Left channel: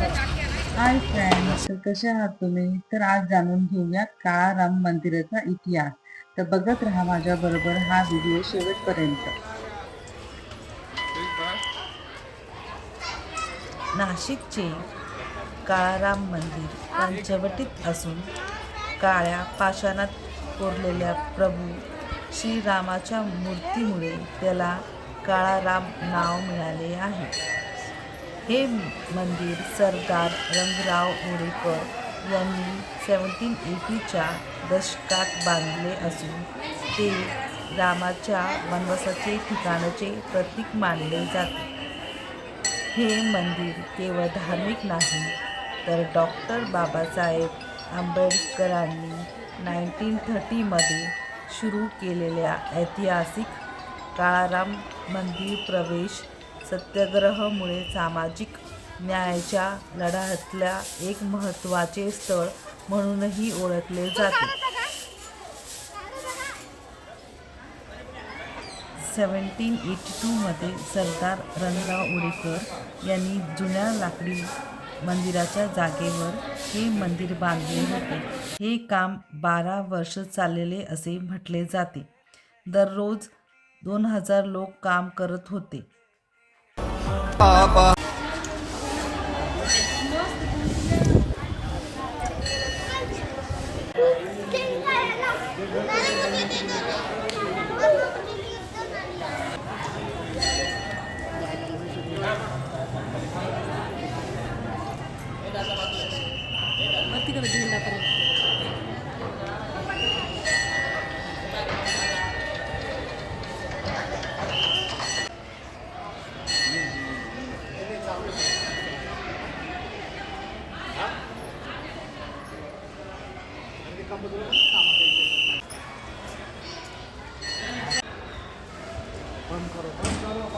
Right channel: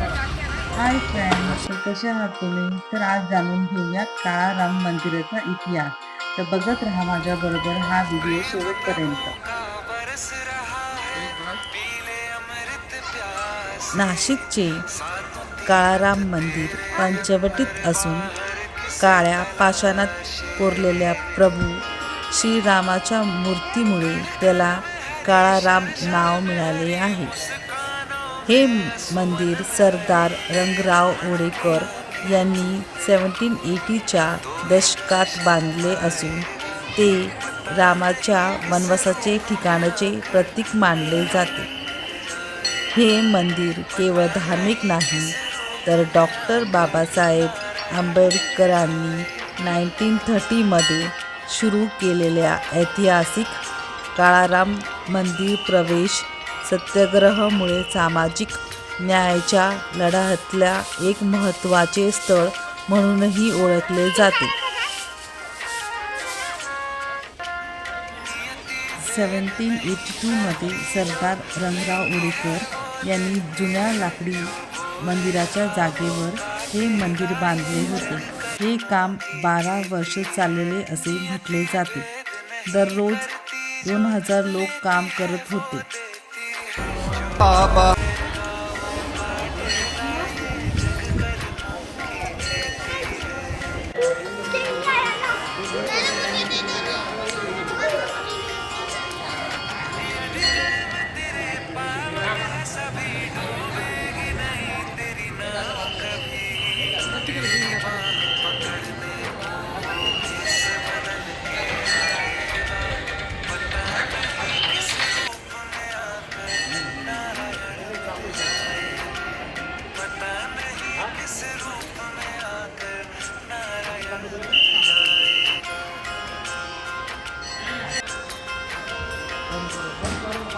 Hi friends तर कसे आहात तुम्ही? तर आज जाणून घेऊया काळा राम मंदिराचा इतिहास. तर बघत राहा माझ्या बरोबर हा व्हिडिओ शेवटपर्यंत. नाशिकचे काळाराम मंदिर पंचवटीत असून काळ्या पाषाणात कोरलेल्या प्रभू श्रीरामाच्या मूर्तीमुळे त्याला काळाराम नाव मिळाले आहे. हे मंदिर सरदार रंगराव ओडेकर यांनी सेवन्टीन एटीच्या दशकात बांधले असून ते रामाच्या वनवासाचे ठिकाणाचे प्रतीक मानले जाते. हे मंदिर केवळ धार्मिक नाही तर डॉक्टर बाबासाहेब आंबेडकरांनी नाईन्टीन थर्टीमध्ये सुरू केलेल्या ऐतिहासिक काळाराम मंदिर प्रवेश सत्याग्रहामुळे सामाजिक न्यायाच्या लढ्यातल्या एक महत्त्वाचे स्थळ म्हणूनही ओळखले जाते. सेवन्टीन एटी टूमध्ये सरदार रंगराव उडेकर यांनी जुन्या लाकडी मंदिराच्या जागेवर हे मंदिर बांधले होते. हे काम बारा वर्षे चाललेले असे म्हटले जाते. दररोज दोन हजार लोक काम करत होते. Papa. Nanti kalau gini nggak 本当に本当に。